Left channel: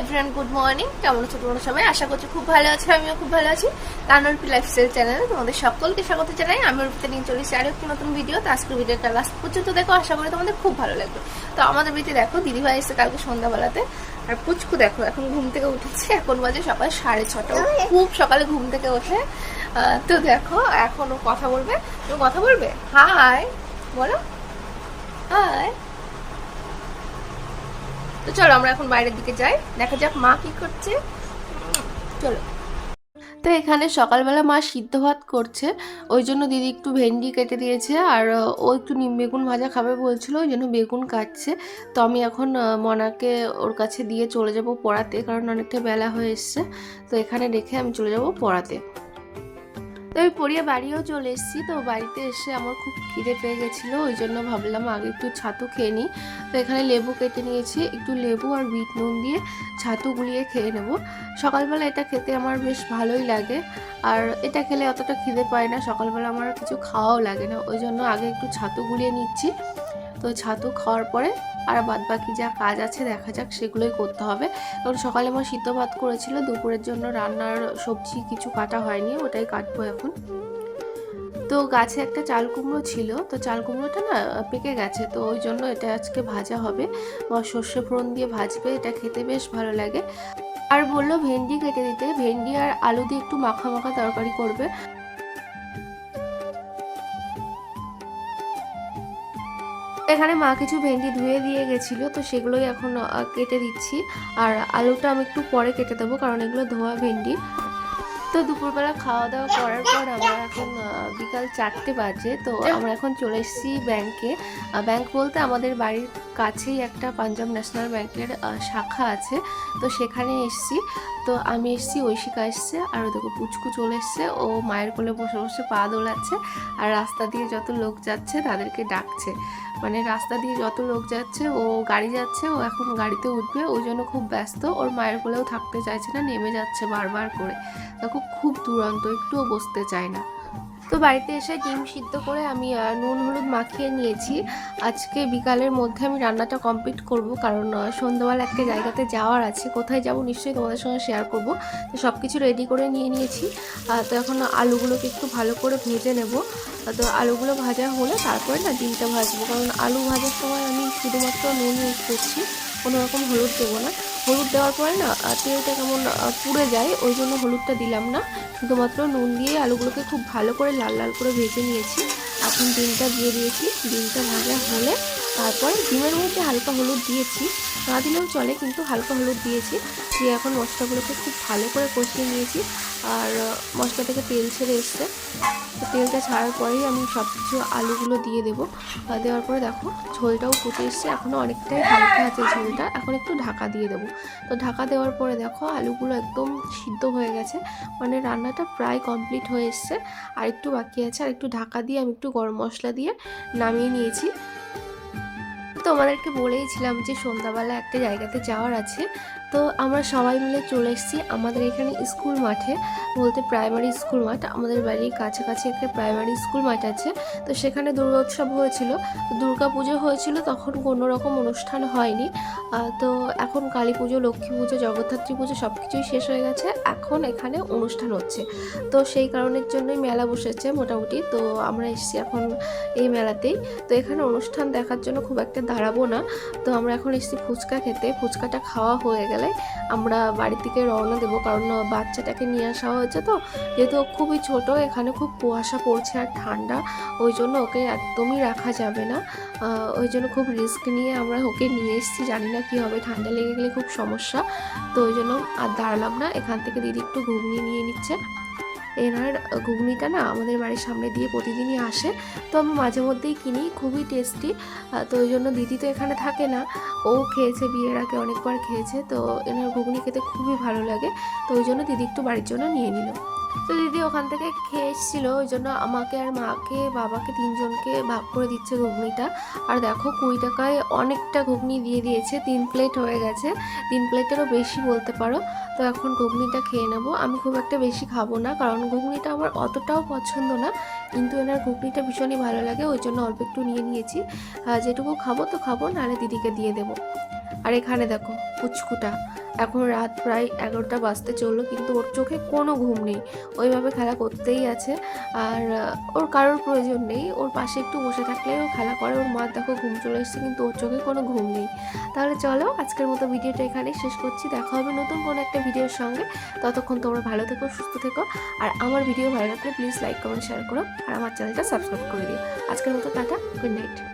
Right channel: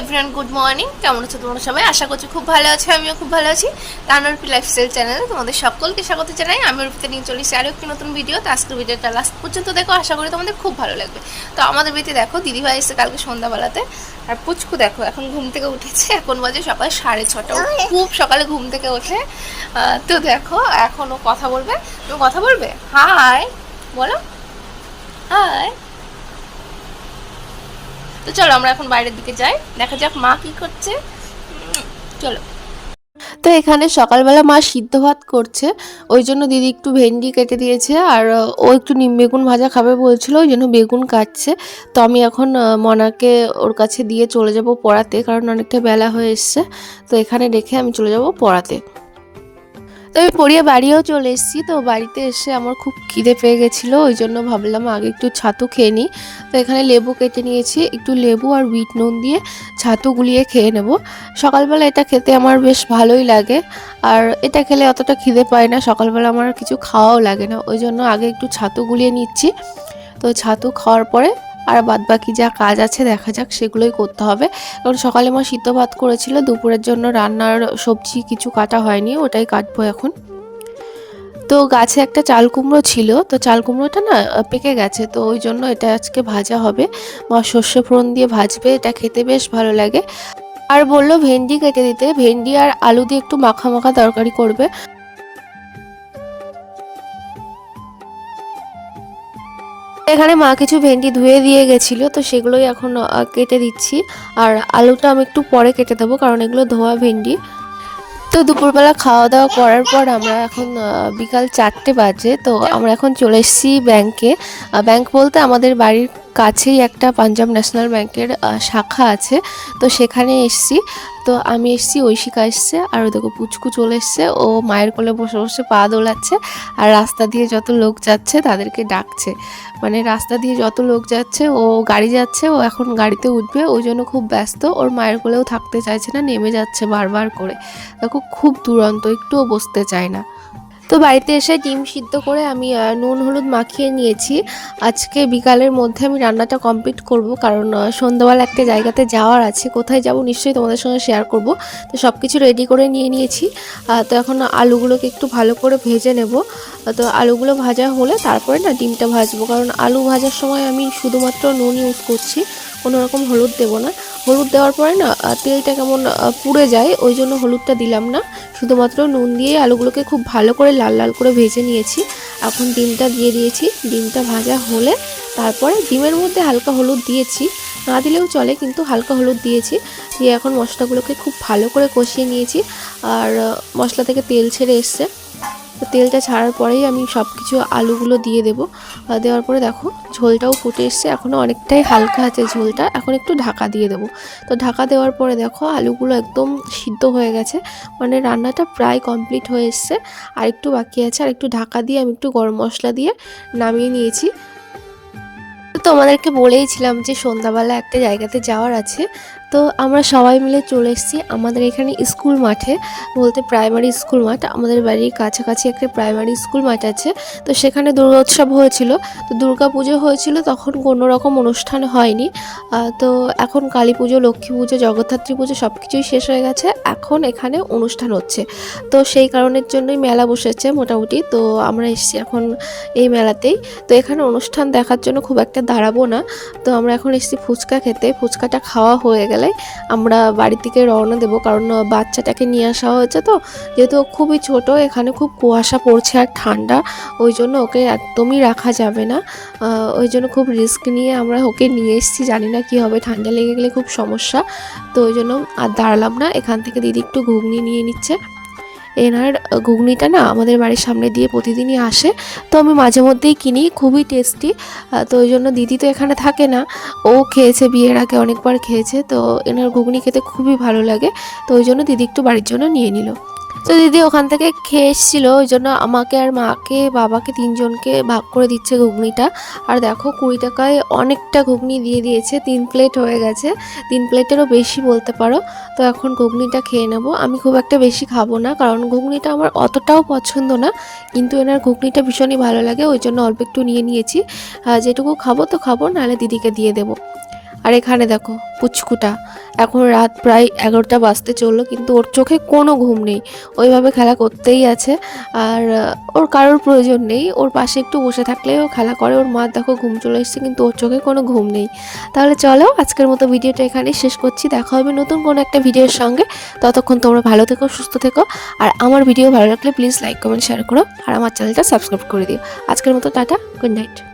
Everyone good morning কেমন আছো তোমরা সবাই? আশা করছি খুব ভালো আছো, আমিও খুব ভালো আছি। তানোরপি লাইফস্টাইল চ্যানেলে তোমাদের সকলকে স্বাগত জানাই। আমি রূপতে নিয়ে চলেছি আরও একটি নতুন ভিডিও তো। আজকের ভিডিওটা লাস্ট পর্যন্ত দেখো, আশা করি তোমাদের খুব ভালো লাগবে। তো আমাদের বাড়িতে দেখো দিদিভাই এসে কালকে সন্ধ্যাবেলাতে। আর পুচকু দেখো, এখন ঘুম থেকে উঠেছে। এখন বাজে সকাল সাড়ে ছটা। খুব সকালে ঘুম থেকে ওঠে। তো দেখো এখনও কথা বলবে। তুমি কথা বলবে? হাই বলো। হাই তো চলো আমরা এখন বাইরের দিকে যাই। দেখা যাক মা কি করছে। চলো। তো এখানে সকালবেলা মা সিদ্ধ ভাত করছে। ওই জন্য দিদি একটু ভেন্ডি কেটে দিয়েছে আর, ও একটু নিম বেগুন ভাজা খাবে বলছিল, ওই জন্য বেগুন কাটছে। তো আমি এখন মনাকে ওর কাছে দিয়ে চলে যাব পড়াতে, কারণ অনেকটা বেলা হয়ে এসছে। তো এখানে রেখে আমি চলে যাব পড়াতে। তো আমি পড়িয়ে বাড়িও চলে এসেছি, তো বাড়িতে এসে আমার খুব খিদে পেয়ে গেছিল, ওই জন্য ভাবলাম আগে একটু ছাতু খেয়ে নিই। তো এখানে লেবু কেটে নিয়েছি, একটু লেবু আর বিট নুন দিয়ে ছাতু গুলিয়ে খেয়ে নেব। সকালবেলা এটা খেতে আমার বেশ ভালোই লাগে, আর এটা খেলে অতটা খিদে পায় না, সকালবেলা আমার কিছু খাওয়াও লাগে না, ওই জন্য আগে একটু ছাতু গুলিয়ে নিচ্ছি। তো ছাতু খাওয়ার পরে আর বাদ বাকি যা কাজ আছে দেখা যাক, সেগুলোই করতে হবে। কারণ সকালে আমার সিদ্ধ ভাত করেছিল, দুপুরের জন্য রান্নার সবজি কিছু কাটা হয়নি, ওটাই কাটবো এখন। তো গাছে একটা চাল কুমড়ো ছিল, তো চাল কুমড়োটা না পেকে গেছে, তো ওই জন্য এটা আজকে ভাজা হবে। মা সর্ষে ফোড়ন দিয়ে ভাজবে, এটা খেতে বেশ ভালো লাগে। আর বলল ভেন্ডি কেটে দিতে, ভেন্ডি আর আলু দিয়ে একটু মাখা মাখা তরকারি করবে। এখানে মা কিছু ভেন্ডি ধুয়ে দিয়ে গেছিল, তো সেগুলোই এখন কেটে দিচ্ছি। আর আলুটা আমি একটু পরে কেটে দেবো, কারণ এগুলো ধোয়া ভেন্ডি। তো দুপুরবেলা খাওয়া দাওয়া করার পর আমরা এখন বিকাল চারটে বাজে, তো আমরা এখন চলে এসেছি ব্যাংকে। ব্যাংক বলতে আমাদের বাড়ির কাছেই একটা পাঞ্জাব ন্যাশনাল ব্যাংকের শাখা আছে, তো সেখানে এসেছি। তো আমি এসেছি, ঐশিকা এসছে, আর দেখো পুচকু চলে এসছে। ও মায়ের কোলে বসে বসে পা দোলাচ্ছে, আর রাস্তা দিয়ে যত লোক যাচ্ছে তাদেরকে ডাকছে। মানে রাস্তা দিয়ে যত লোক যাচ্ছে, ও গাড়ি যাচ্ছে, ও এখন গাড়িতে উঠবে, ওই জন্য খুব ব্যস্ত। ওর মায়ের কোলেও থাকতে চাইছে না, নেমে যাচ্ছে বারবার করে। দেখো, খুব দুরন্ত, একটুও বসতে চায় না। তো বাড়িতে এসে ডিম সিদ্ধ করে আমি নুন, হলুদ মাখিয়ে নিয়েছি। আজকে বিকালের মধ্যে আমি রান্নাটা কমপ্লিট করব, কারণ সন্ধ্যাবেলা একটা জায়গাতে যাওয়ার আছে। কোথায় যাব নিশ্চয়ই তোমাদের সঙ্গে শেয়ার করব। তো সব কিছু রেডি করে নিয়ে নিয়েছি। তো এখন আলুগুলোকে একটু ভালো করে ভেজে নেব। তো আলুগুলো ভাজা হলে তারপরে না ডিমটা ভাজবো। কারণ আলু ভাজার সময় আমি শুধুমাত্র নুন ইউজ করছি, কোনো রকম হলুদ দেবো না। হলুদ দেওয়ার পরে না তেলটা কেমন পুড়ে যায়, ওই জন্য হলুদটা দিলাম না। শুধুমাত্র নুন দিয়ে আলুগুলোকে খুব ভালো করে লাল লাল করে ভেজে নিয়েছি। এখন ডিমটা দিয়ে দিয়েছি। ডিমটা ভাজা হলে তারপরে ডিমের মধ্যে হালকা হলুদ দিয়েছি। না দিলেও চলে, কিন্তু হালকা হলুদ দিয়েছি। দিয়ে এখন মশলাগুলোকে খুব ভালো করে কষিয়ে নিয়েছি। আর মশলা থেকে তেল ছেড়ে এসছে। তো তেলটা ছাড়ার পরেই আমি সব কিছু আলুগুলো দিয়ে দেবো। দেওয়ার পরে দেখো, ঝোলটাও ফুটে এসছে। এখনও অনেকটাই হালকা আছে ঝোলটা। এখন একটু ঢাকা দিয়ে দেবো। তো ঢাকা দেওয়ার পরে দেখো, আলুগুলো একদম সিদ্ধ হয়ে গেছে। মানে রান্নাটা প্রায় কমপ্লিট হয়ে এসছে। আর একটু বাকি আছে। আর একটু ঢাকা দিয়ে আমি একটু গরম মশলা দিয়ে নামিয়ে নিয়েছি। তোমাদেরকে বলেইছিলাম যে সন্ধ্যাবেলা একটা জায়গাতে যাওয়ার আছে। তো আমরা সবাই মিলে চলে এসেছি আমাদের এখানে স্কুল মাঠে, বলতে প্রাইমারি স্কুল মাঠ। আমাদের বাড়ির কাছাকাছি একটা প্রাইমারি স্কুল মাঠ আছে। তো সেখানে দুর্গোৎসব হয়েছিল। তো দুর্গা পুজো হয়েছিল, তখন কোনো রকম অনুষ্ঠান হয়নি। তো এখন কালী পুজো, লক্ষ্মী পুজো, জগদ্ধাত্রী পুজো সব কিছুই শেষ হয়ে গেছে। এখন এখানে অনুষ্ঠান হচ্ছে। তো সেই কারণের জন্যই মেলা বসেছে মোটামুটি। তো আমরা এসেছি এখন এই মেলাতেই। তো এখানে অনুষ্ঠান দেখার জন্য খুব একটা দাঁড়াবো না। তো আমরা এখন এসেছি ফুচকা খেতে। ফুচকাটা খাওয়া হয়ে গেলে আমরা বাড়ি থেকে রওনা দেবো। কারণ বাচ্চাটাকে নিয়ে আসা হয়েছে তো। যেহেতু খুবই ছোট, এখানে খুব কুয়াশা পড়ছে আর ঠান্ডা। ওই জন্য ওকে একদমই রাখা যাবে না। ওই জন্য খুব রিস্ক নিয়ে আমরা ওকে নিয়ে এসেছি। জানি না কী হবে, ঠান্ডা লেগে গেলে খুব সমস্যা। তো ওই জন্য আর দাঁড়ালাম না। এখান থেকে দিদি একটু ঘুগনি নিয়ে নিচ্ছে। এনার ঘুগনিটা না আমাদের বাড়ির সামনে দিয়ে প্রতিদিনই আসে। তো আমি মাঝে মধ্যেই কিনি, খুবই টেস্টি তো ওই জন্য দিদি তো এখানে থাকে না। ও খেয়েছে, বিয়ের আগে অনেকবার খেয়েছে। তো এনার ঘুগনি খেতে খুবই ভালো লাগে। তো ওই জন্য দিদি একটু বাড়ির জন্য নিয়ে নিল। তো দিদি ওখান থেকে খেয়ে এসেছিল, ওই জন্য আমাকে আর মাকে, বাবাকে তিনজনকে ভাগ করে দিচ্ছে ঘুগনিটা। আর দেখো কুড়ি টাকায় অনেকটা ঘুগনি দিয়ে দিয়েছে, তিন প্লেট হয়ে গেছে। তিন প্লেটেরও বেশি বলতে পারো। তো এখন ঘুগনিটা খেয়ে নেব। আমি খুব একটা বেশি খাব না, কারণ ঘুগনিটা আমার অতটাও পছন্দ না। কিন্তু এনার ঘুগনিটা ভীষণই ভালো লাগে, ওই জন্য অল্প একটু নিয়ে নিয়েছি। যেটুকু খাব তো খাব, নাহলে দিদিকে দিয়ে দেবো। আর এখানে দেখো, পুচকুটা। এখন রাত প্রায় এগারোটা বাজতে চলল, কিন্তু ওর চোখে কোনো ঘুম নেই। ওইভাবে খেলা করতেই আছে। আর ওর কারোর প্রয়োজন নেই। ওর পাশে একটু বসে থাকলেই ও খেলা করে। ওর মা দেখো ঘুম চলে এসছে, কিন্তু ওর চোখে কোনো ঘুম নেই। তাহলে চলো, আজকের মতো ভিডিওটা এখানেই শেষ করছি। দেখা হবে নতুন কোনো একটা ভিডিওর সঙ্গে। ততক্ষণ তোমরা ভালো থেকো, সুস্থ থেকো। আর আমার ভিডিও ভালো লাগলে প্লিজ লাইক, কমেন্ট শেয়ার করো। আর আমার চ্যানেলটা সাবস্ক্রাইব করে দিও। আজকের মতো টাটা, গুড নাইট।